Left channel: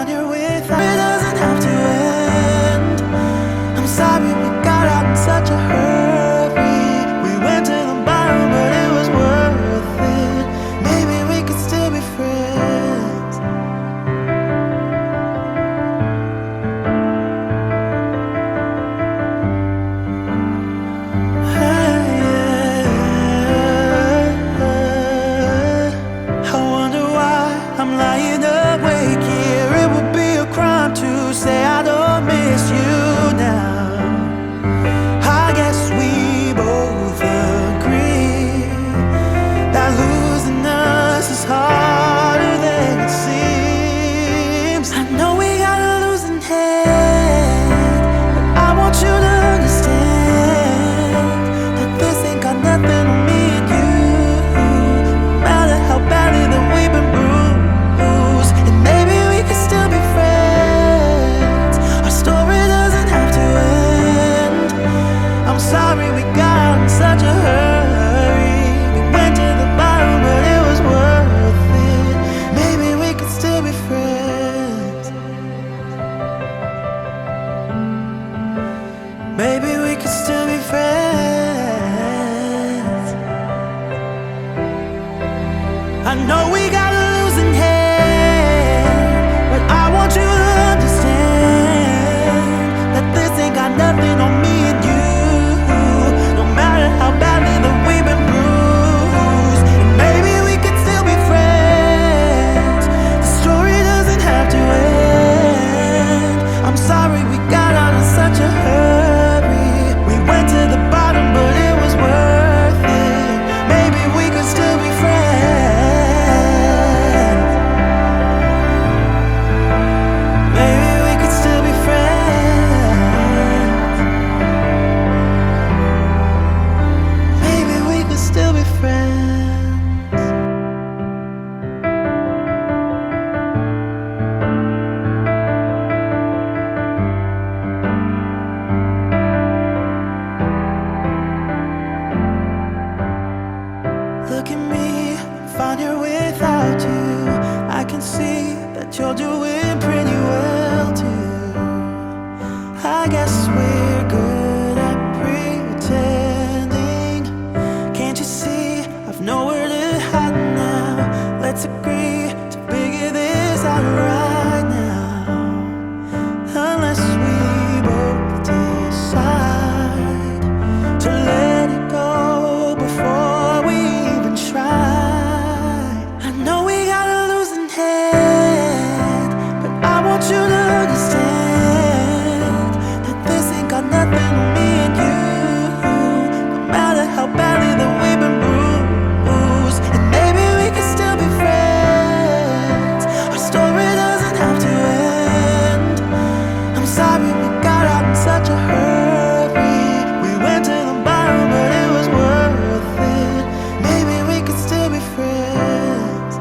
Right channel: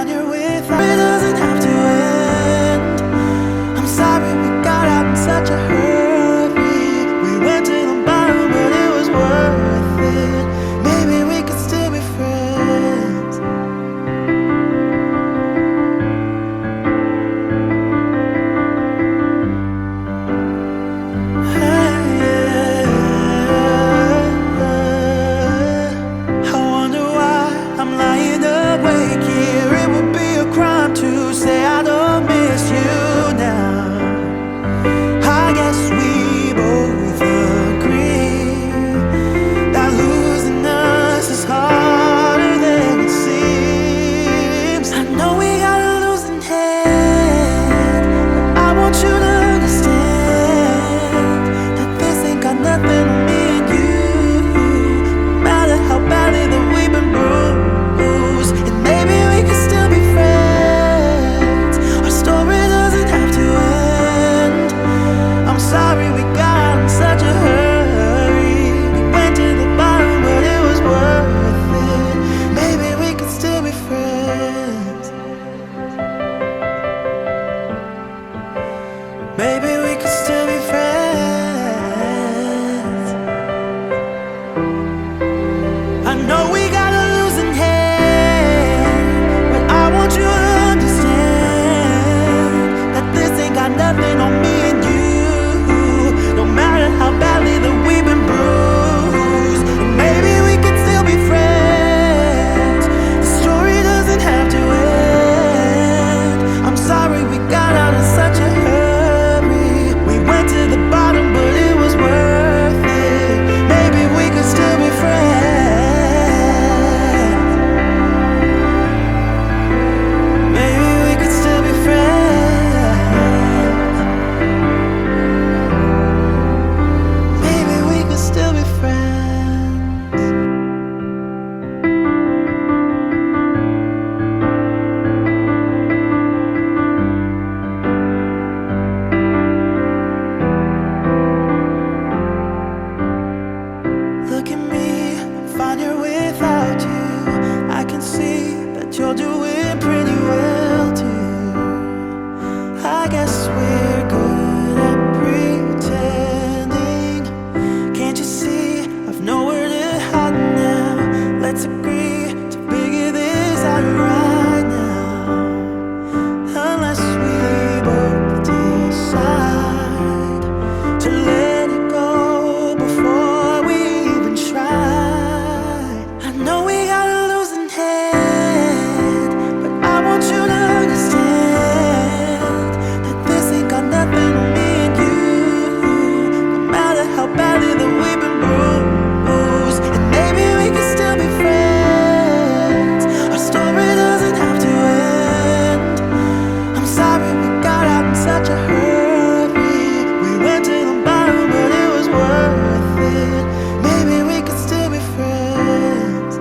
find your way. It doesn't have to end. I'm sorry we got out in such a hurry. We went to the bottom, but it was worth it. Maybe we could still be friends. I wonder why I'm lying awake here. It would be a crime to say I don't miss you now. I guess we both agree that losing us is harder than it seems. I know we got a losing hand, but I want you to understand that this ain't got nothing on me and you. No matter how badly that we've been bruised, and maybe we could still be friends. Our story doesn't have to end. I'm sorry we got out in such a hurry. We went to the bottom, but it was worth it. Maybe we could still be friends. Maybe we could still be friends. I know we got a losing hand, but I want you to understand that this ain't got nothing on me and you. No matter how badly that we've been bruised, and maybe we could still be friends. The story doesn't have to end. I'm sorry we got out in such a hurry. We went to the bottom, but it was worth it. Maybe we could still be friends. Maybe we could still be friends. Maybe we could still be friends. Look at me, I'm fine here without you. I can see that you're doing pretty well too. I guess we're good at pretending. Can't you see I've nowhere to hide now? Let's agree to figure this out right now. Unless we both decide to let it go before we even try. I know we got a losing hand, but I want you to understand that this ain't got nothing on me and you. No matter how badly that we've been bruised, and maybe we could still be friends. Our story doesn't have to end. I'm sorry we got out in such a hurry. We went to the bottom, but it was worth it. Maybe we could still be friends.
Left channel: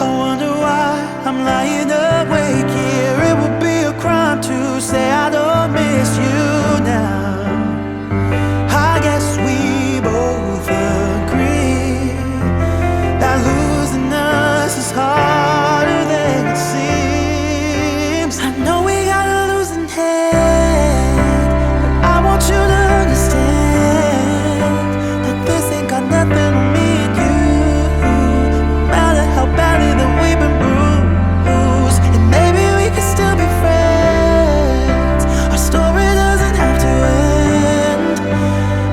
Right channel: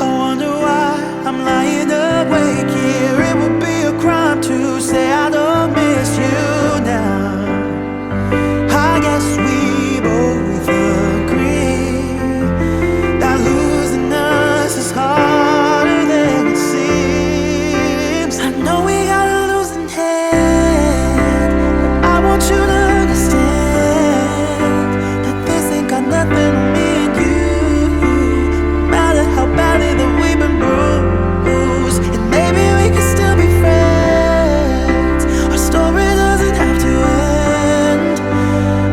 I wonder why I'm lying awake here. It would be a crime to say I don't miss you now. I guess we both agree that losing us is harder than it seems. I know we got a losing hand, but I want you to understand that this ain't got nothing on me and you. No matter how badly that we've been bruised, and maybe we could still be friends. Our story doesn't have to end.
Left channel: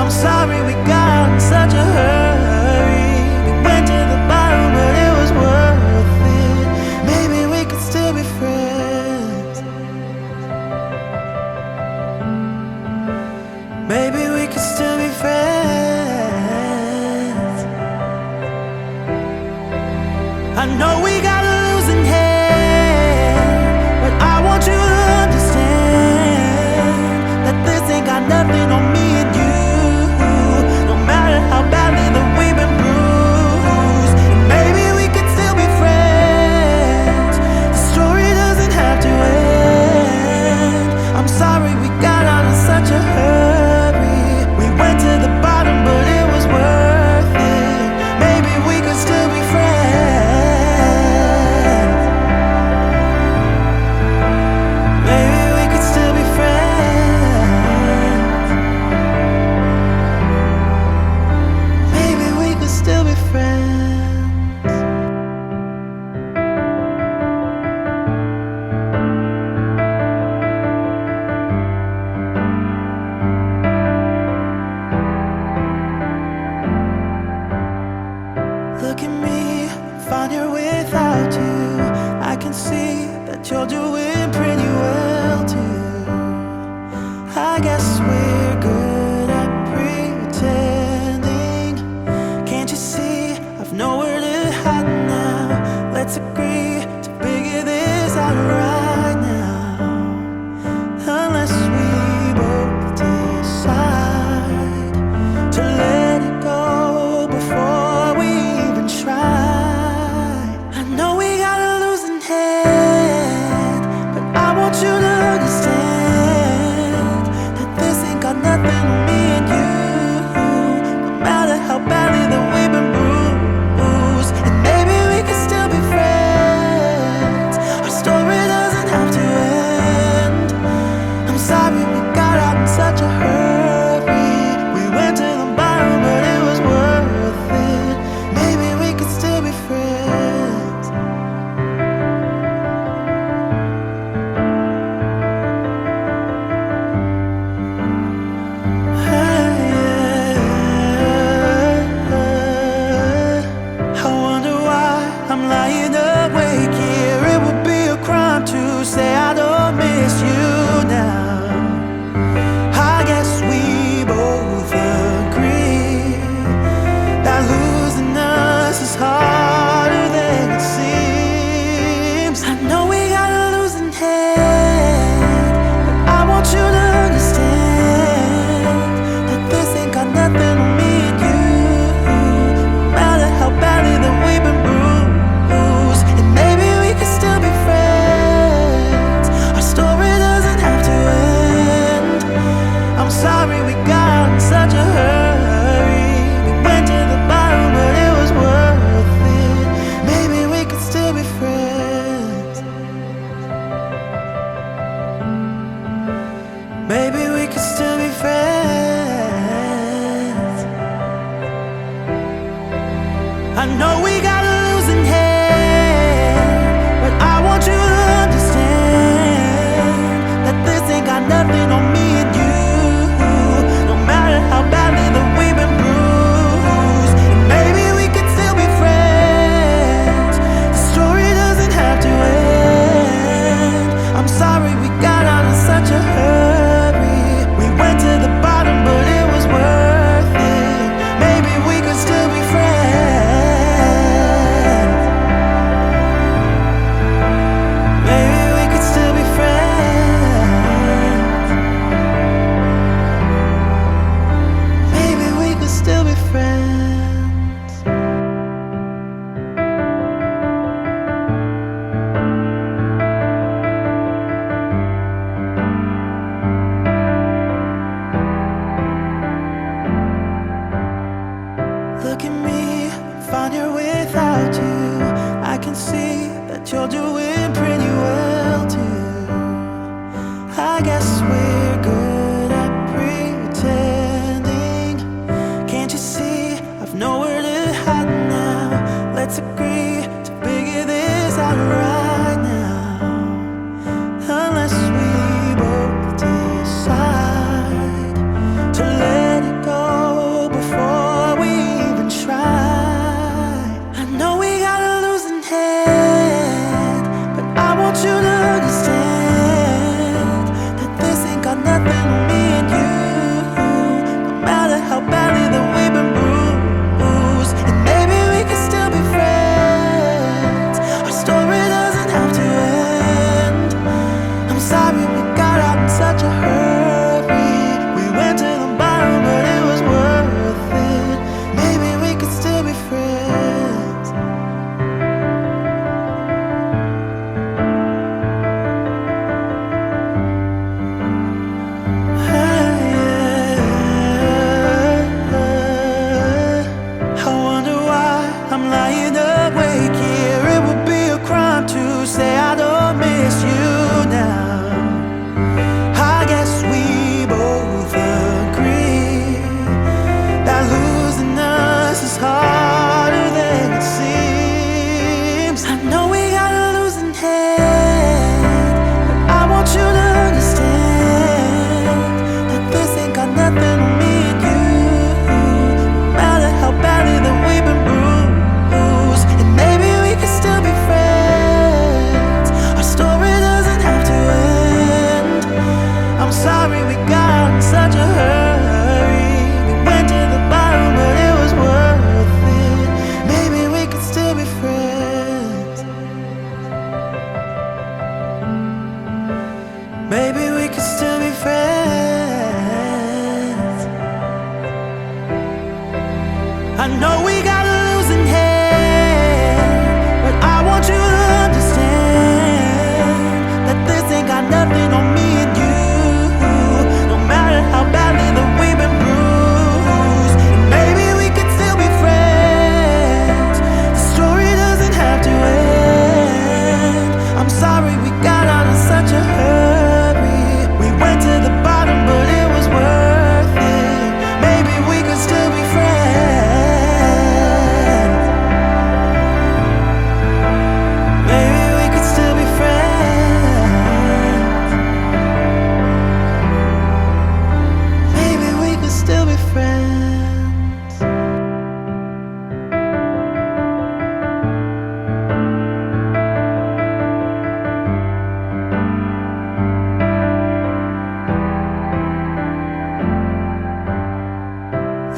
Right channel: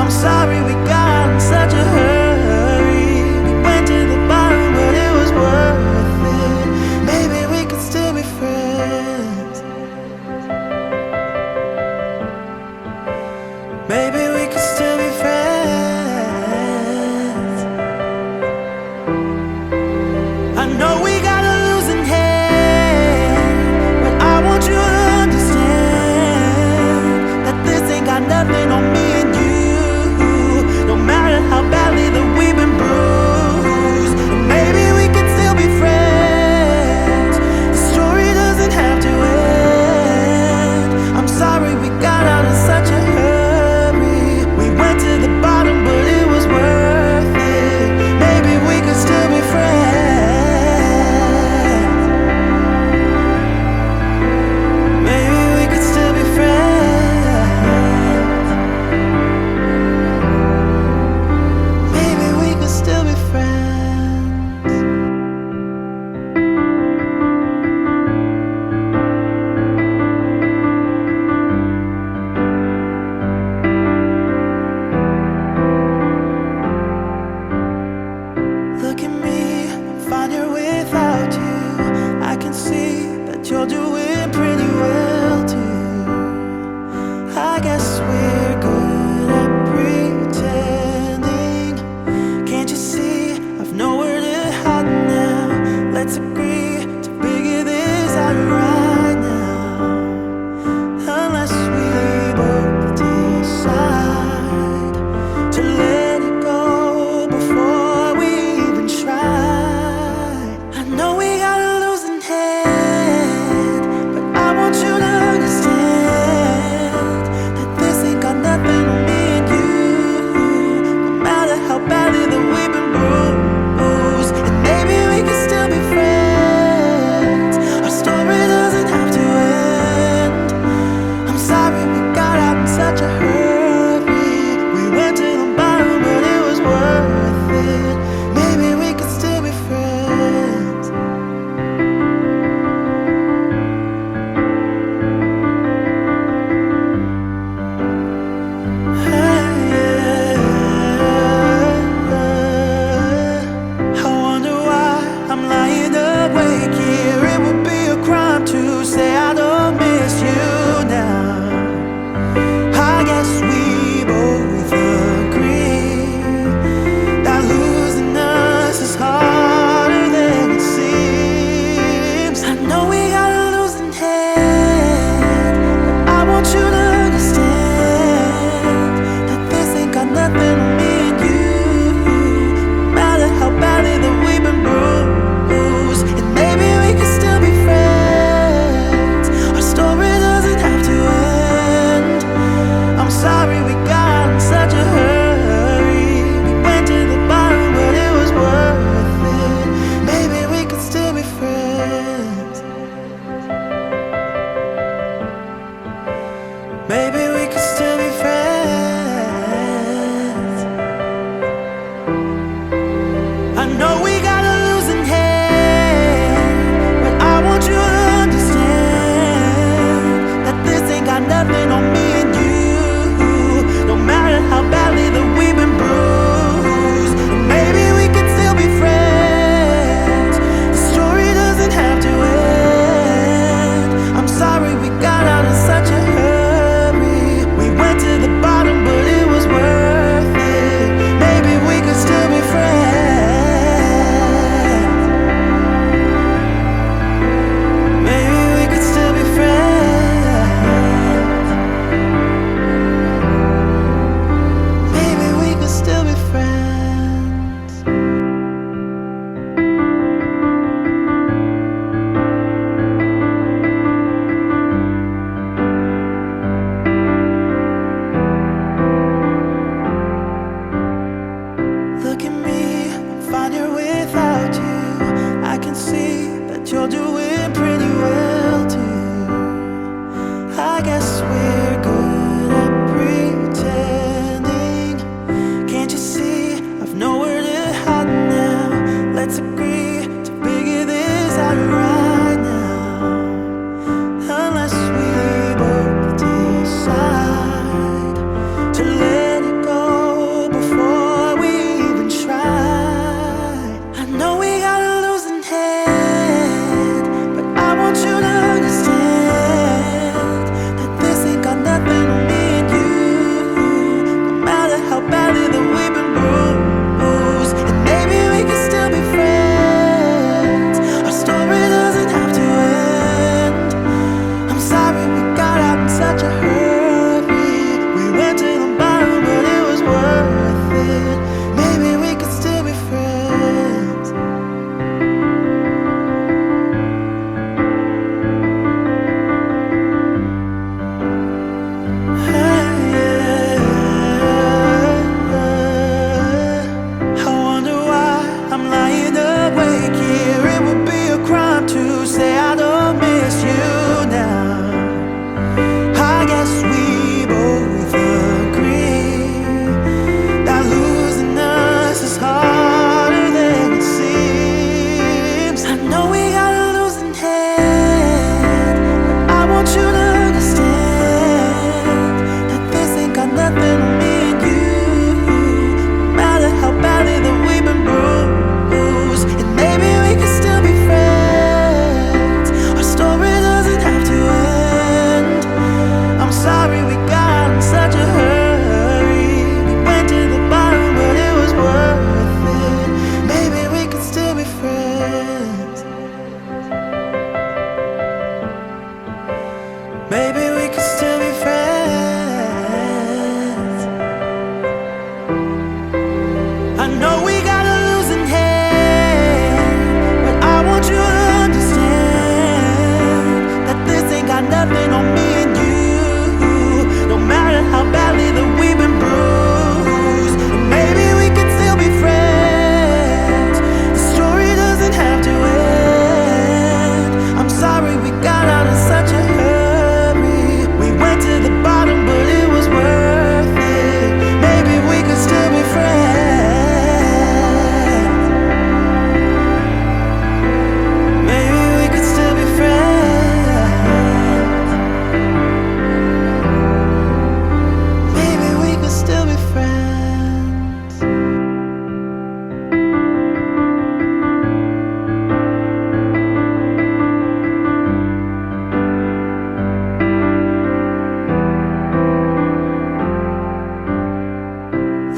I'm sorry we got out in such a hurry. We went to the bottom, but it was worth it. Maybe we could still be friends. Maybe we could still be friends. I know we got a losing hand, but I want you to understand that this ain't got nothing on me and you. No matter how badly that we've been bruised, and maybe we could still be friends. The story doesn't have to end. I'm sorry Look at me, I'm fine here without you. I can see that you're doing pretty well too. I guess we're good at pretending. Can't you see I've nowhere to hide now? Let's agree to figure this out right now. Unless we both decide to let it go before we even try. I know we got a losing head, but I want you to understand that this ain't got nothing on me and you. No matter how badly that we've been bruised, and maybe we can still be friends. Our story doesn't have to end. I'm sorry we got out in such a hurry. We went to the bottom, but it was worth it. Maybe we could still be friends. I wonder why I'm lying awake here. It would be a crime to say I don't miss you now. I guess we both agree that losing us is harder than it seems. I know we got a losing head, but I want you to understand that this ain't got nothing on me and you. No matter how badly that we've been bruised, and maybe we can still be friends. Our story doesn't have to end. I'm sorry we got out in such a hurry. We went to the bottom, but it was worth it. Maybe we could still be friends. Maybe we could still be friends. I know we got a losing hand, but I want you to understand that this ain't got nothing on me and you. No matter how badly that we've been bruised, and maybe we could still be friends. The story doesn't have to end. I'm sorry we got out in such a hurry. We went to the bottom, but it was worth it. Maybe we could still be friends. Maybe we could still be friends. Maybe we could still be friends. Look at me, I'm fine here without you. I can see that you're doing pretty well too. I guess we're good at pretending. Can't you see I've nowhere to hide now? Let's agree to figure this out right now. Unless we both decide to let it go before we even try. I know we got a losing head, but I want you to understand that this ain't got nothing on me and you. No matter how badly that we've been bruised, and maybe we can still be friends. Our story doesn't have to end. I'm sorry we got out in such a hurry. We went to the bottom, but it was worth it. Maybe we could still be friends. I wonder why I'm lying awake here. It would be a crime to say I don't miss you now. I guess we both agree that losing us is harder than it seems. I know we got a losing head, but I want you to understand that this ain't got nothing on me and you. No matter how badly that we've been bruised, know we got a losing hand, but I want you to understand that this ain't got nothing on me and you. No matter how badly that we've been bruised, and maybe we could still be friends. The story doesn't have to end. I'm sorry we got out in such a hurry. We went to the bottom, but it was worth it. Maybe we could still be friends. Maybe we could still be friends. Maybe we could still be friends.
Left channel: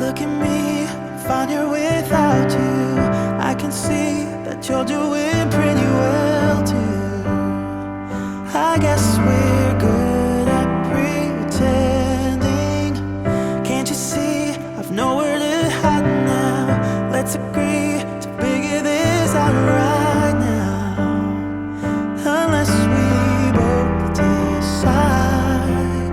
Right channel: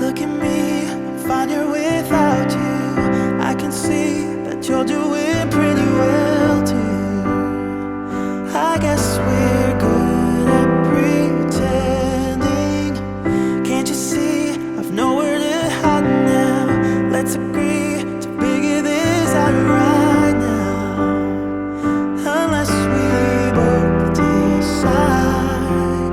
Look at me, I'm fine here without you. I can see that you're doing pretty well too. I guess we're good at pretending. Can't you see I've nowhere to hide now? Let's agree to figure this out right now. Unless we both decide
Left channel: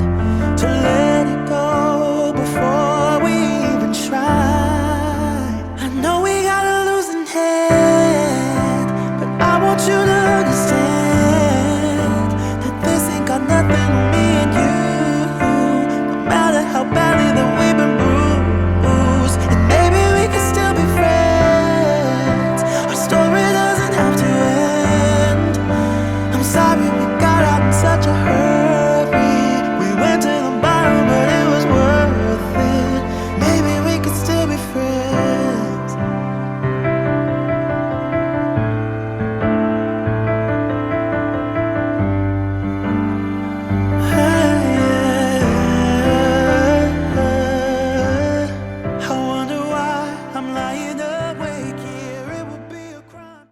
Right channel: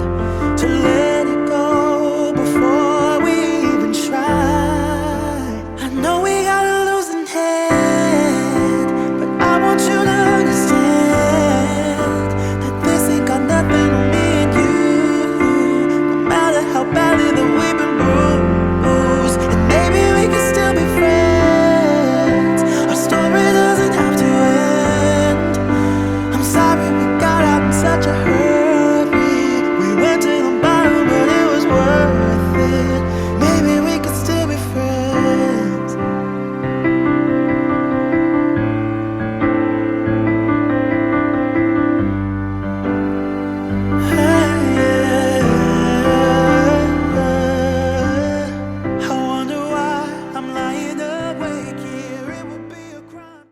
to let it go before we even try. I know we got a losing hand, but I want you to understand that this ain't got nothing on me and you. No matter how badly that we